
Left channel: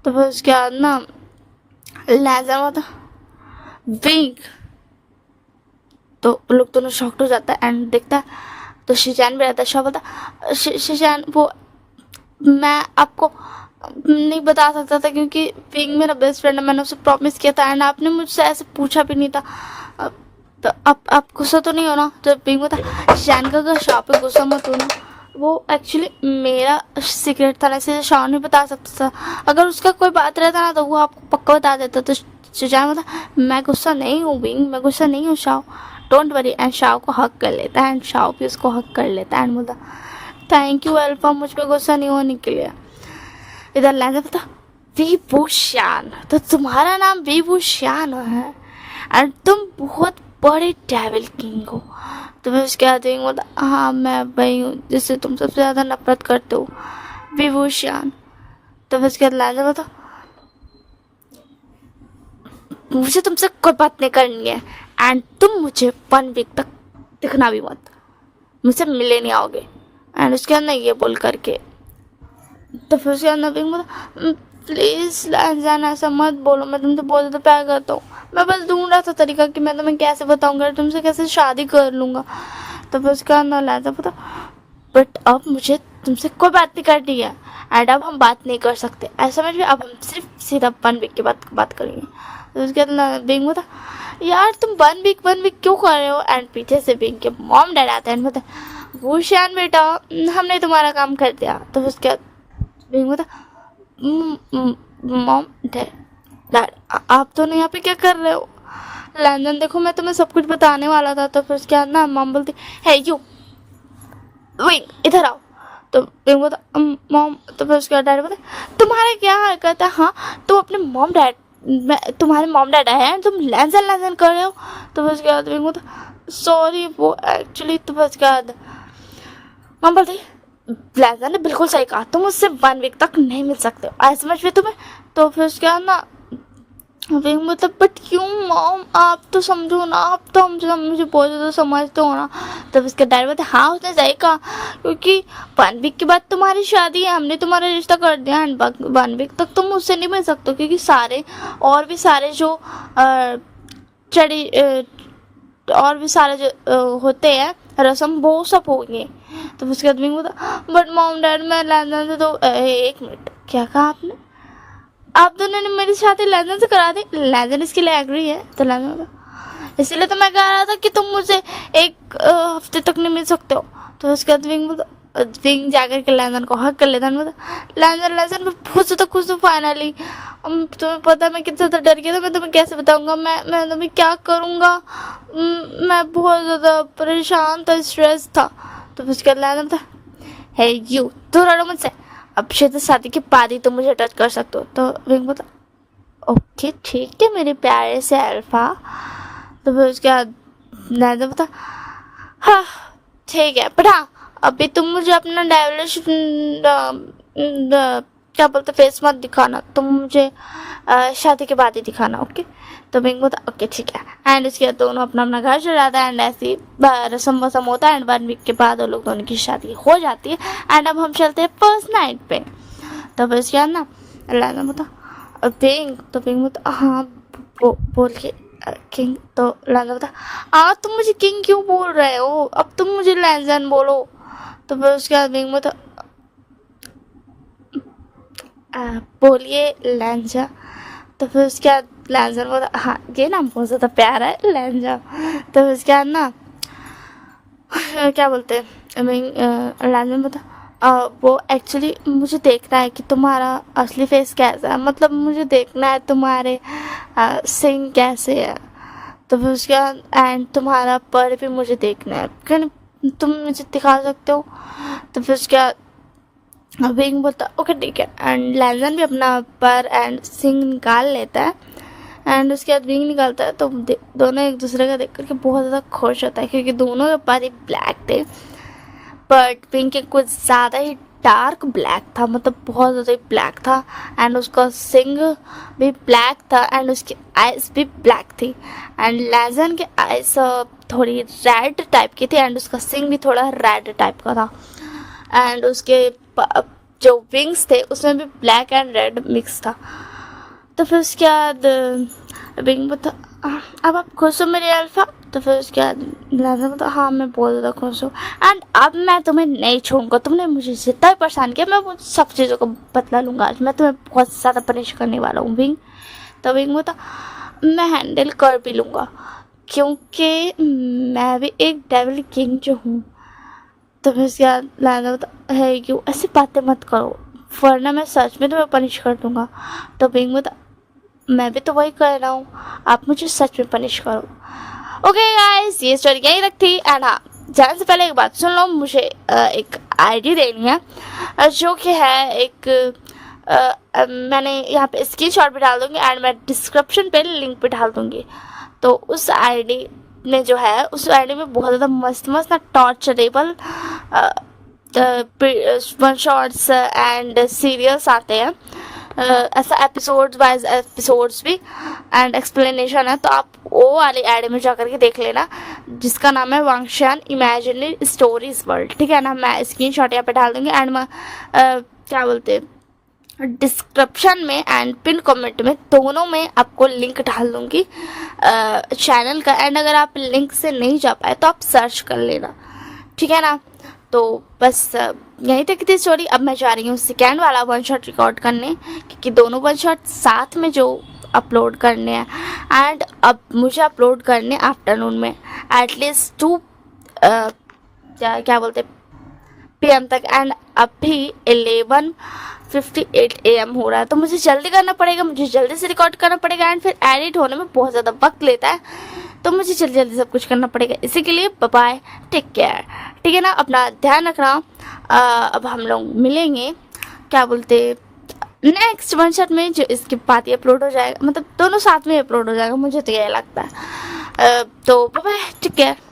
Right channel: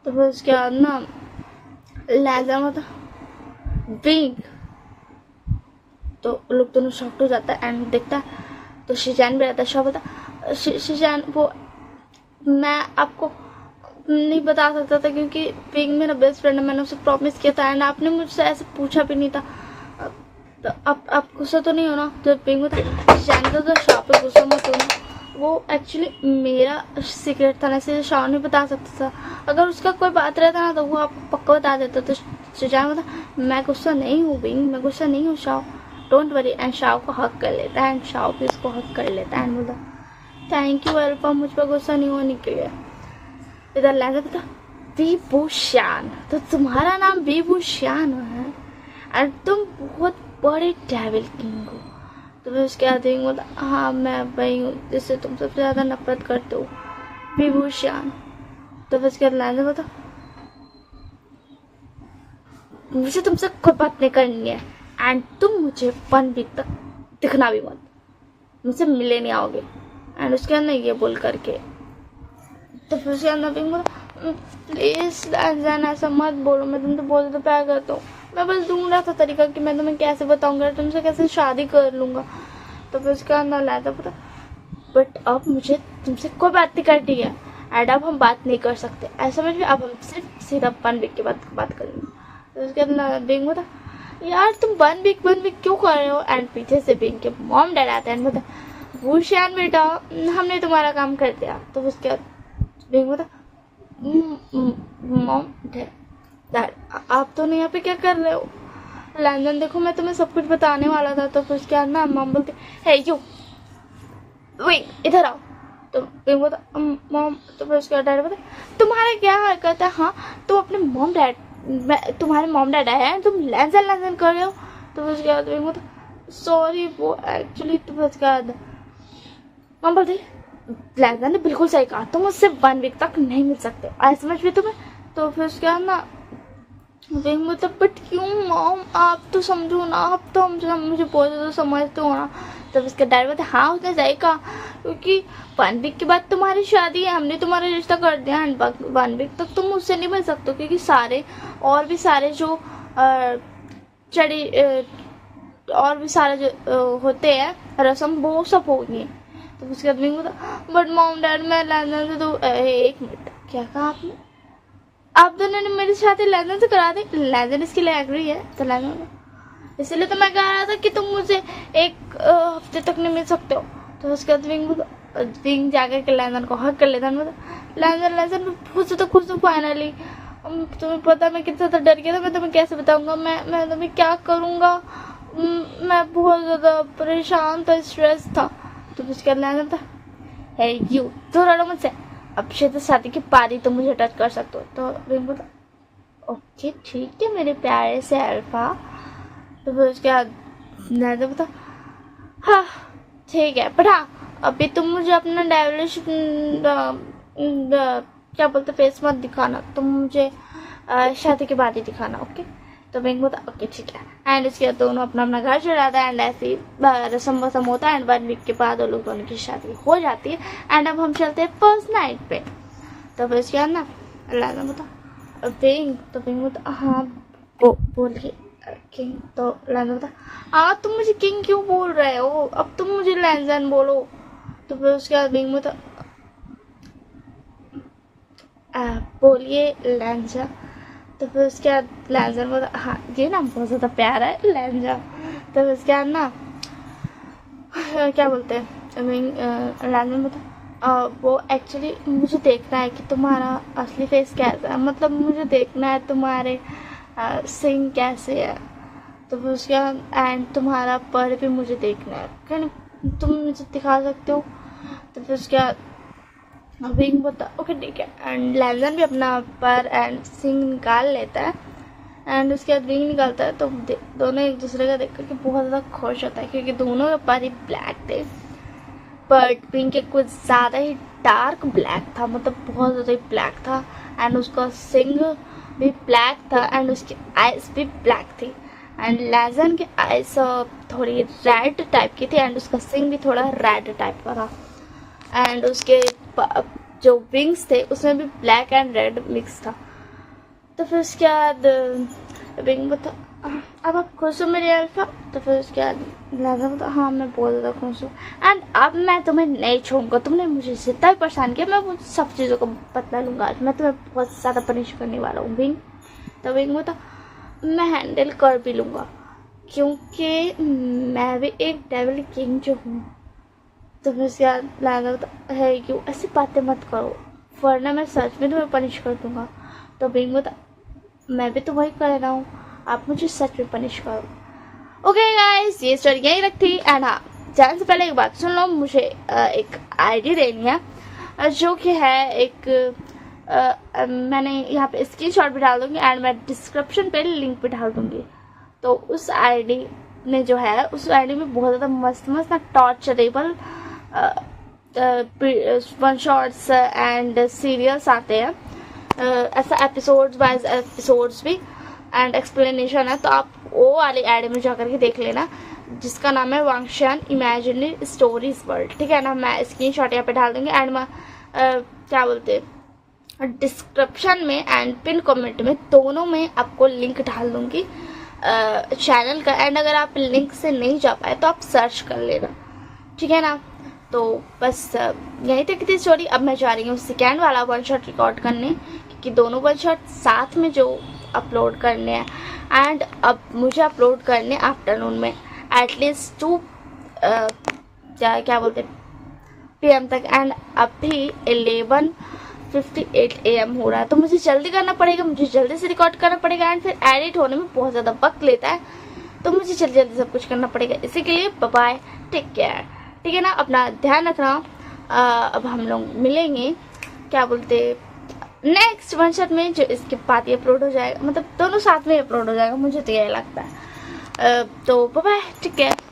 तो फिर उसके बाद ना लैजा होता विंग, तो लोग दोनों शॉक्ड हो जाता है एंड देखता है तो शिजान भी रहता है। शाह बता शिजान वो मैं आपको नहीं बता सकता था क्योंकि विंग मेरा बेस्ट फ्रेंड है, मैंने उसे प्रॉमिस किया था एंड आपने मुझसे ऐसे पूछा भी नहीं था। तो अब आप गुस्सा तो नहीं हो ना। जब विंग बता शैन का तो शाह पे गुस्सा मत होना, वो एक्चुअली मेरा सीक्रेट था ना, इसलिए शाह नहीं बता सकता था, अगर उसका कोई बात रहता ना तो वो आपको पक्का बता देता। तो शिजान बता मैं गुस्सा नहीं हूँ विंग, मैं गुस्सा नहीं हूँ Shah, don't worry. And Shah को हक कर लेता है एंड शाह भी उसको हक कर लेता है एंड बोलता थैंक यू अल्फा मुझ पर गुस्सा नहीं होने के लिए। इधर लैंजा पता विभूषण, तो तुम्हारा नाम विभूषण है और तुम बहुत बड़े डेविल किंग हो। तो मैं उसके बाद बोला हाँ मैं वही हूँ जिससे तुम सबसे ज़्यादा नफरत करते हो विभूषण। तो उसके बाद लैंजा बता मुझे तुमसे कोई बात नहीं करनी है एंड तुम मुझे 1 वीक तक दिखना भी मत, मुझसे मिले नहीं आओगे। एंड उसके अंदर ये बोल करके तो फिर उसके अंदर प्लीज़ लैंजान ऐसा मत बोलो, मैं तुमसे बहुत ज़्यादा प्यार करता हूँ, मैं बस ढूंढ रहा था तरीका कि मैं तुम्हें कैसे बताऊँगा, तुमसे कैसे शादी कर लूँगा। तो फिर उसके अंदर लैंजा पता बट अब मुझे तुमसे कोई बात नहीं करनी है एंड अब हम बात नहीं कर सकते, ऐसा समझ में, अब हम सिर्फ सीधा 1 वीक के बाद बात करेंगे। तो उसके बाद बिंग होता यार तुम 1 वीक क्यों कर रहे हो। एंड पीछे से बिंग के मॉम डैड आते हैं, बोलते भूषण बेटा हमने तुम्हारा काम कर दिया। तो उसके बाद बिंग होता मॉम डैड आप दोनों यहाँ पे क्या कर रहे हो। लैंजन देखो मैं तुम्हें सब कुछ बताने वाला था। तो फिर उसके बाद ना मॉम बोलती है यू विंग इधर आओ। तो विंग बोलता मॉम। तो फिर उसके बाद डैड बोलते तुम्हारे क्या हरकत है, हाँ तुम अपने मॉम डैड तुम्हारे मॉम डैड हैं, तुम लैंजन कर रहे हो। तो फिर उसके बाद विंग बोलता सॉरी वो एक्चुअली। तो फिर उसके बाद मॉम बोलती लैंजन ने बिल्कुल सही कहा, तुम उससे 1 वीक तक नहीं मिल सकते हो, ऐसे समझ में तुम्हें। तो फिर उसके बाद ना विंग मतलब बट क्यों मॉम आप तो समझो ना, आप तो मुझे बहुत ज़्यादा समझते हो ना। तब इसका डैड बोलते हाँ उसने सही कहा क्योंकि 1 वीक के बाद तुम्हारी शादी है, हमने तुम्हारा रिश्ता कर दिया एंड 1 वीक तक तुम मुझसे नहीं मिल सकते क्योंकि सारे और भी सारे जो और भी सारे जो होते हैं रस्म वो सब हो गए। तो उसके बाद विंग बोलता बट मॉम डैड मैं लैंजन से तो 1 मिनट क्या कहा आपने, आप दोनों ने मेरी शादी लैंजन से करा दी, लैंजन इसके लिए एग्री है। तो लैंजन इसलिए तो मैं कह रहा था कि तुम मुझे 1 हफ्ते तक नहीं मिल सकते हो। तो उसके बाद विंग जाकर के लैंजन को हक कर लेता है, लैंजन मैं बहुत ज़्यादा खुश हूँ फाइनली, तुम्हें पता है मैं कितना ज़्यादा डर गया था, मैं तुम्हें कैसे बताऊँगा, मैं तुम्हें क्या करूँगा, मैं बहुत ज़्यादा परेशान था, स्ट्रेस था। तो उसके बाद लैंजन था है यू, दूर रहो मुझसे, अब शादी के बाद ही तुम मुझे टच कर सकते हो। तो विंग बोलता ओके ठीक है मेरे प्यारे से अल्फा। तो फिर उसके बाद लैंजन बोलता हाँ ठीक है, बट हाँ अभी तुम मुझे अपना डेविलिश क्या बोलते फेस मत दिखाना, तुम मुझे शादी के बाद ही दिखाना, ओके। तो बिंग बोलता ओके ठीक है। एंड इसके बाद दोनों अपना अपना घर चले जाता है एंड ऐसी रस्म वसम होता है एंड 1 वीक के बाद वो लोग दोनों की शादी हो जाती है। एंड अब हम चलते हैं फर्स्ट नाइट पे। तो फिर इसके बाद ना लैंजन बोलता बिंग, तो बिंग बोलता हाँ बोल के किंग। तो लैंजन बोलता तुम मुझे किंग क्यों बोल रहे हो, अब तुम मुझे लैंजन बोलो। तो फिर उसके बाद बिंग बोलता बोलिए लैंजा। तो फिर उसके बाद लैंजन बोलता हाँ ये नाम बहुत ज़्यादा प्यारा है लैंजा। तो फिर उसके बाद ना क्या बोलते हैं लैंजन बोलता वो एक्चुअली मुझे देखना है कि तुम्हारा असली फेस कैसा है, मतलब मुझे देखना है तुम्हारे सिंग कैसे है। तो फिर उसके बाद एंड तुम्हारा पर भी मुझे देखना है, क्या तुम मुझे दिखा सकते हो। तो फिर उसके बाद विंग बोलता ओके ठीक है। एंड लैंजन भी अपना पर एंड सिंग निकाल लेता है एंड उसके बाद विंग निकालता है। तो दोनों एक दूसरे का देख करके बहुत ज़्यादा खुश होता है क्योंकि दोनों के पर ही ब्लैक थे, बट विंग के कुछ ज़्यादा ही डार्क ब्लैक था, मतलब बहुत ज़्यादा ही ब्लैक था। एंड उसका सिंग भी ब्लैक था एंड उसकी आइज़ भी ब्लैक थी। एंड लैंजन के आइज़ थोड़ी रेड टाइप की थी एंड उसका सिंग भी थोड़ा रेड टाइप का था। एंड उसके जो विंग्स थे उसमें भी ब्लैक एंड रेड मिक्स था। तो फिर उसके बाद विंग बोलता अब आप खुश हो मेरे अल्फा। तो फिर उसके बाद लैंजन बोलता हाँ मैं बहुत ज़्यादा खुश हूँ एंड अब मैं तुम्हें नहीं छोड़ूंगा, तुमने मुझे जितना ही परेशान किया मैं वो सब चीज़ों को बदला लूँगा, आज मैं तुम्हें बहुत ज़्यादा पनिश करने वाला हूँ विंग। तो विंग बोलता मैं हैंडल कर भी लूँगा क्योंकि मैं भी एक डेविल किंग जो हूँ। तो फिर उसके बाद लैंजन बोलता है क्यों ऐसी बातें मत करो वरना मैं सच में तुम्हें पनिश कर दूँगा। तो विंग बोलता मैं भी तो वही कर रहा हूँ, आप मुझे सच में पनिश करो। ओके गाइस ये स्टोरी यही रखती एंड हाँ जाने से पहले एक बात सुन लो, मुझे एक आईडी देनी है जो कि है एक मैंने यहाँ पे स्क्रीनशॉट भी डाल दूँगी एंड मैं डिस्क्रिप्शन पे लिंक भी डाल दूँगी। तो उस आईडी में जो है उस आईडी में बहुत ज़्यादा मस्त मस्त ना टॉर्चरेबल वन शॉट्स एंड सीरियल्स आते हैं, ऐसा एपिसोड्स वाइज एपिसोड्स भी एंड एक्सप्लेनेशन है। तो आप वो वाली आईडी में जाकर के देख लेना जिसका नाम है वांगशान इमेजिनरी स्टोरीज वर्ल्ड, ठीक है ना। मैं स्क्रीनशॉट यहाँ पे डाल दूँगी एंड मैं क्या बोलते हैं डिस्क्रिप्शन में एंड पिन कमेंट में दोनों में आपको लिंक डाल दूँगी चैनल का। एंड अगर आप लिंक से नहीं जा पाए तो आप सर्च कर लेना, ठीक है ना। तो बस यहीं तक थी स्टोरी। अब मैं जा रही हूँ सेकेंड वाला वन शॉट रिकॉर्ड करने क्योंकि दोनों वन शॉट साथ में जो अपलोड करने हैं एंड अब मुझे अपलोड करने आफ्टरनून में एटलीस्ट 2 क्या बोलते PM तक एंड अभी 11:58 AM हो रहा है। तो मुझे जल्दी करना पड़ेगा, मुझे जल्दी से रिकॉर्ड करना पड़ेगा एंड फिर एडिट होने में बहुत ज़्यादा वक्त लेता है, तो मुझे जल्दी जल्दी सब कुछ करना पड़ेगा। इसी के लिए बाय बाय, टेक केयर, ठीक है ना, अपना ध्यान रखना। अब हम लोग मिलेंगे क्या बोलते नेक्स्ट वन शॉट में जो इसके बाद ही अपलोड हो जाएगा, मतलब दोनों साथ में अपलोड हो जाएगा, मुझे तो यही लगता है। तो बाय बाय, टेक केयर।